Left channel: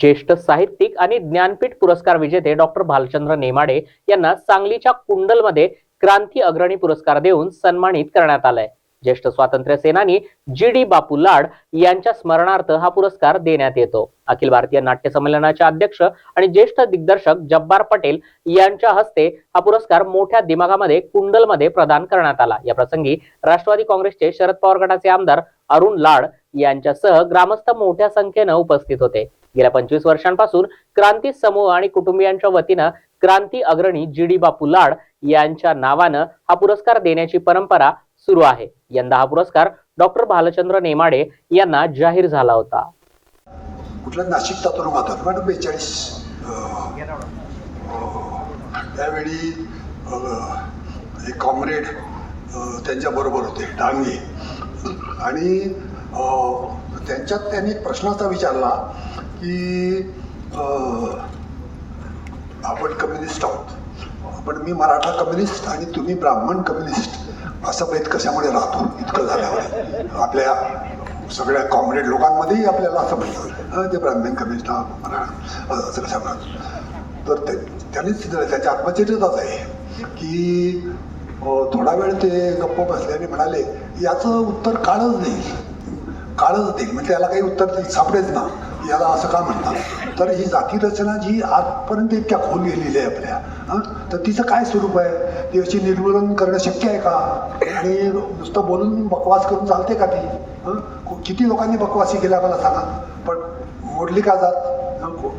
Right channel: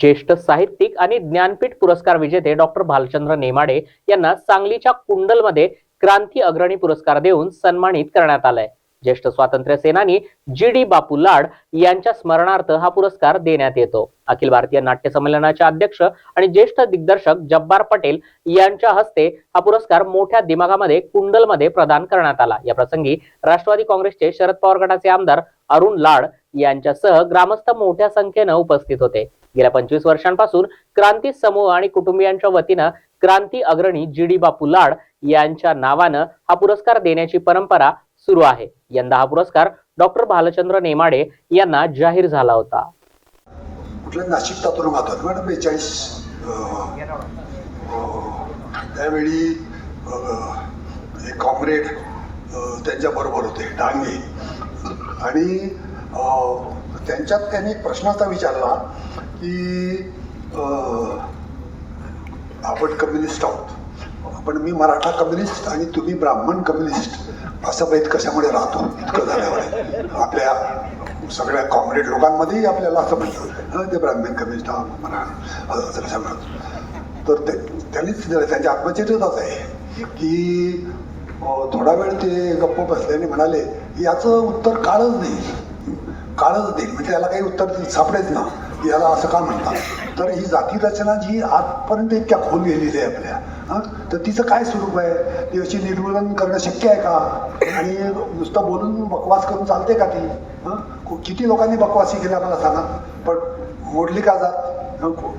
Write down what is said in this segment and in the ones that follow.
ज्येष्ठ साहित्यिक आणि ज्ञानपीठ पुरस्कार विजेते डॉक्टर भालचंद्र नेमाडे यांना सांगलीच्या कुंडलमध्ये क्रांती अग्रणी पुरस्कार देऊन सन्मानित करण्यात आलाय. ज्येष्ठ स्वातंत्र्य सेनानी जी डी बापू लाड यांच्या स्मरणार्थ हा पुरस्कार देण्यात येतो. अखिल भारतीय नाट्य संमेलनाचे अध्यक्ष आणि ज्येष्ठ दिग्दर्शक जब्बार पटेल यांच्या हस्ते हा पुरस्कार मोठ्या दिमागामध्ये कुंडलमध्ये प्रदान करण्यात आला. या प्रसंगी राष्ट्रवादी काँग्रेसचे शरद पवार गटाचे आमदार अरुण लाड यांच्यासह ग्रामस्थ मोठ्या संख्येनं उपस्थित होते. गेल्या पंचवीस वर्षांपासून क्रांती समूह आणि कुटुंबियांच्या वतीनं क्रांती अग्रणी जी डी बापू लाड यांच्या नावानं हा पुरस्कार देण्याची परंपरा सुरू आहे. यंदा हा पुरस्कार डॉक्टर भालचंद्र नेमाडे यांना जाहीर झाला होता. कुठल्या नाशिक तातून बेचाळीस त्यावेळी कॉम्रेड त्यांच्याबरोबर होते डांगे. आणि त्यांच्यात त्यांनी प्रश्न असा विचारला की आपण कम्युनिस्ट आहोत. पण मी मराठा कम्युनिस्ट आणि तुम्ही ब्राह्मण कम्युनिस्ट असं भेद कशामुळे राहतो? इतकं झाल्यावर. आपल्या सगळ्या कॉम्रेड लोकांमध्येही आपल्याला असं म्हणतो ते ब्राह्मण कम्युनिस्ट हा मराठा असं तर ते त्यांनीच त्याच्या आत्मचरित्रच आहे की थोडा वेळ ते गप्प बसल्याने म्हणाले याचं उत्तर काळच नाही. काळच देईल म्हणजे याला काही उत्तर सापडेच ना. याला असं का म्हणतात? तर ही जाती रचना जी आजपर्यंत इतक्या खोल गेलेली आहे आपल्या. तर तिचं काय स्वरूप आहे? ती अशी निर्मूलन करणं शक्य आहे का? आणि नुसतं बोलून बकवास करून चालते का ती? हं? किती लोकांनी बकवासी केला मला सांगा. पण मोडली का जात?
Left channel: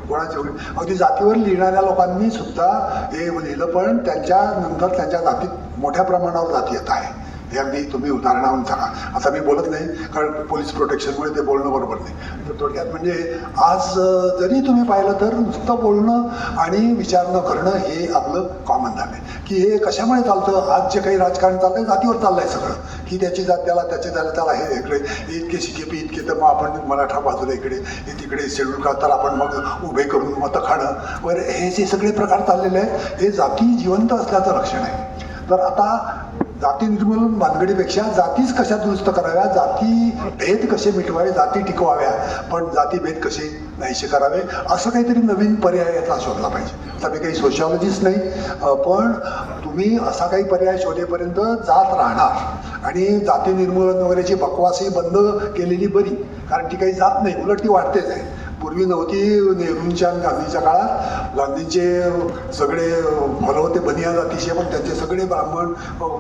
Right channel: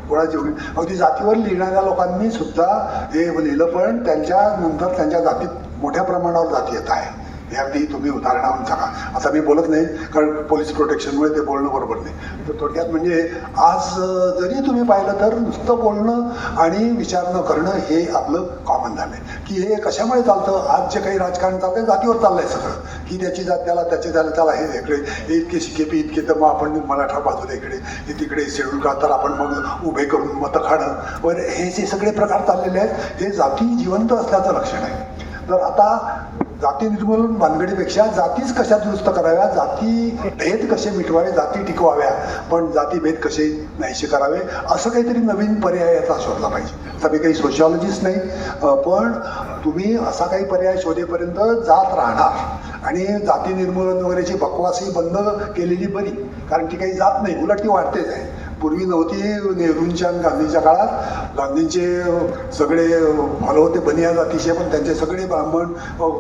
कोणाची अगदी जातीवर लिहिणाऱ्या लोकांनी सुद्धा हे लिहिलं पण त्यांच्या नंतर त्यांच्या जातीत मोठ्या प्रमाणावर जाती येत आहे. हे अगदी तुम्ही उदाहरणावरून सांगा. आता मी बोलत नाही कारण पोलीस प्रोटेक्शनमुळे ते बोलणं बरोबर नाही. थोडक्यात म्हणजे आज जरी तुम्ही पाहिलं तर नुसतं बोलणं आणि विचार न करणं हे आपलं कॉमन झालंय की हे कशामुळे चालतं? आज जे काही राजकारण चाललंय जातीवर चाललंय सगळं. की त्याची जात त्याला त्याच्या त्याला त्याला हे इकडे हे इतके शिकेपी इतके तर मग आपण मराठा बाजूला इकडे तिकडे शेड्यूल का तर आपण मग उभे करून मतं खाणं. वगैरे हे जे सगळे प्रकार चाललेले आहेत हे जाती जिवंत असल्याचं लक्षण आहे. तर आता जाती निर्मूलन भानगडीपेक्षा जातीच कशा दुरुस्त कराव्या जाती भेद कसे मिटवावे जाती टिकवाव्या पण जाती भेद कसे नाहीसे करावे असं काहीतरी नवीन पर्याय याचा शोधला पाहिजे. तर मी काही सोशिओलॉजिस्ट नाही पण तुम्ही असा काही पर्याय शोधेपर्यंत जात राहणार. आणि जाती निर्मूलन वगैरेची बकवासही बंद केलेली बरी कारण ती काही जात नाही उलट ती वाढतेच आहे. पूर्वी नव्हती नेहरूंच्या आणि गांधीच्या काळात. गांधींचे सगळे फॉलो होते बनिया जातीचे पण त्यांचे सगळे ब्राह्मण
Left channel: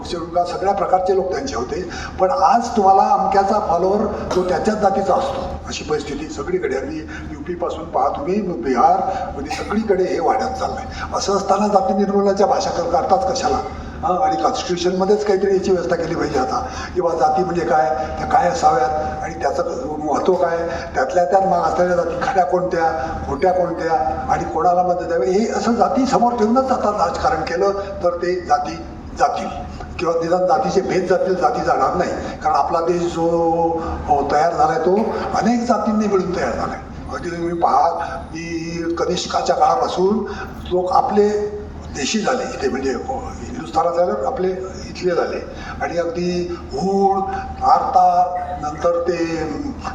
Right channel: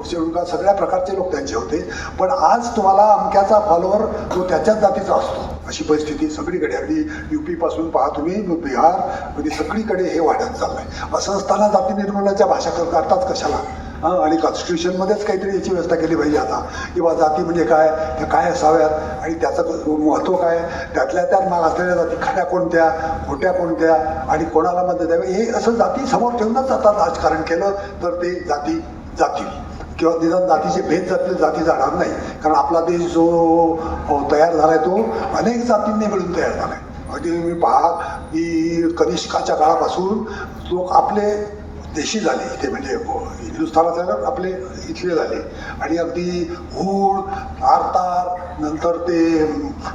शेवका सगळ्या प्रकारचे लोक त्यांचे होते. पण आज तुम्हाला अमक्याचा फॉलोअर जो त्याच्याच जातीचा असतो अशी परिस्थिती सगळीकडे. अगदी युपी पासून पहा तुम्ही बिहार म्हणजे सगळीकडे हे वाढत चाललंय. असं असताना जाती निर्मूलनाच्या भाषा करता अर्थात कशाला? हां आणि कॉन्स्टिट्यूशनमध्येच काहीतरी याची व्यवस्था केली पाहिजे आता. किंवा जाती म्हणजे काय त्या काय असाव्यात आणि त्याचं महत्त्व काय? त्यातल्या त्यात माग असलेल्या जाती खऱ्या कोणत्या खोट्या कोणत्या आणि कोणाला मदत द्यावी? हे असं जाती समोर ठेवूनच आता राजकारण केलं तर ते जाती जातील किंवा निदान जातीचे भेद जातील जाती जाणार नाही. कारण आपला देश जो अ, तयार झालाय तो अनेक जातींनी मिळून तयार झालाय. म्हणजे तुम्ही पहा की कनिष्काच्या काळापासून लोक आपले देशी झाले इथे म्हणजे हो, हिंदुस्थानात झालं आपले इथले झाले आणि अगदी हूळ आरतार नंतर ते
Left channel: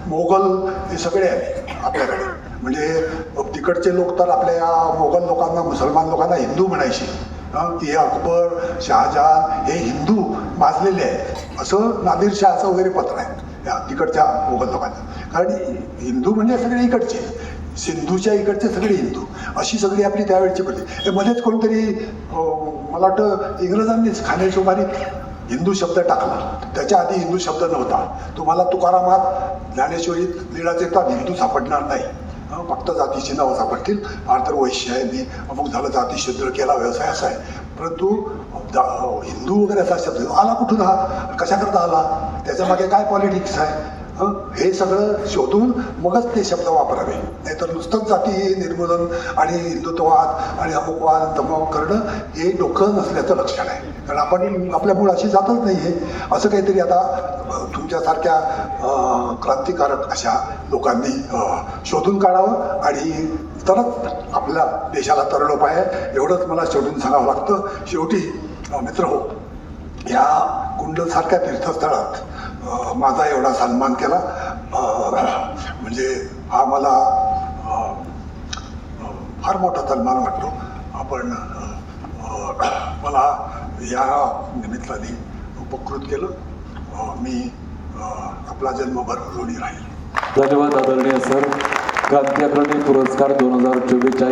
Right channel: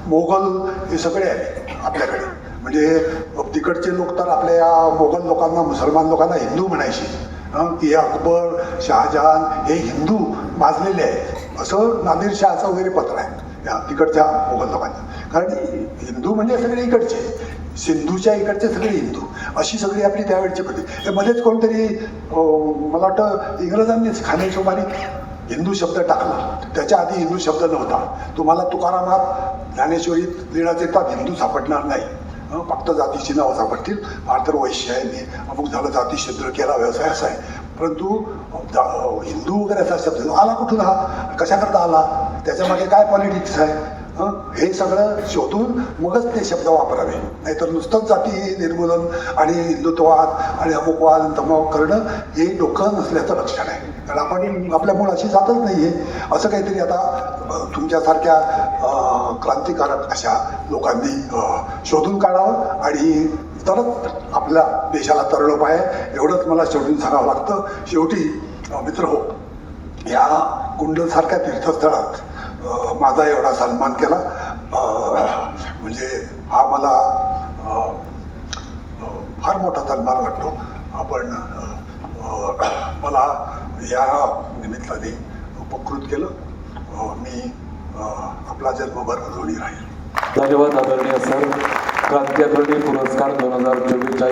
मोगल हे सगळे आले आपल्याकडे. म्हणजे तिकडचे लोक तर आपल्या मोगल लोकांना मुसलमान लोकांना हिंदू म्हणायचे. ते की अकबर शहाजहान हे हिंदू माजलेले आहेत. असं नादिर शहाचं वगैरे पत्र आहे. तिकडच्या मोगल लोकांचं कारण हिंदू म्हणजे सगळे इकडचे. सिंधूच्या इकडचे सगळे हिंदू. अशी सगळी आपली त्यावेळची पद्धती. मध्येच कोणतरी मला वाटतं इंग्रजांनीच खानेशुमारी हिंदू शब्द टाकला. त्याच्या आधी हिंदू शब्द नव्हता. तुम्हाला तुकारामात ज्ञानेश्वरीत लिळाचे तर हिंदू सापडणार नाही. फक्त जातीची नावं सापडतील. आंतर वैश्यायांनी अमुक झालं जाती शूद्र केला व्यवसाय असा आहे. परंतु जा- हिंदू वगैरे असा शब्द आला कुठून? हा? कशाकरता आला? त्याच्यामध्ये काय पॉलिटिक्स आहे? हे? सगळं शोधून मगच ते शब्द वापरावे. नाहीतर नुसतंच जाती निर्मूलन आणि हिंदुत्ववाद आणि अमुकवाद धमक करणं हे डोकं नसल्याचं लक्षण आहे. कारण आपण आपल्या मुळाशी जातच नाही आहे असं काहीतरी आता तुमच्यासारख्या क्रांतिकारक अशा लोकांनी शोधून काढावं आणि तरच आपल्या देशाला तरळ आहे. एवढंच मला शोधून सांगावं लागतं. शेवटी मित्र हो या कुंडलसारख्या तीर्थस्थळात माझा एवढा सन्मान केला. म्हणजे हा मला फार मोठा सन्मान वाटतो. आपण मला या निमित्ताने उपकृत केलं. मी आपला जन्मभर ऋणी राहील. धन्यवाद आदरणीय सर. क्रांती पुरस्कार दोन हजार चोवीसच्या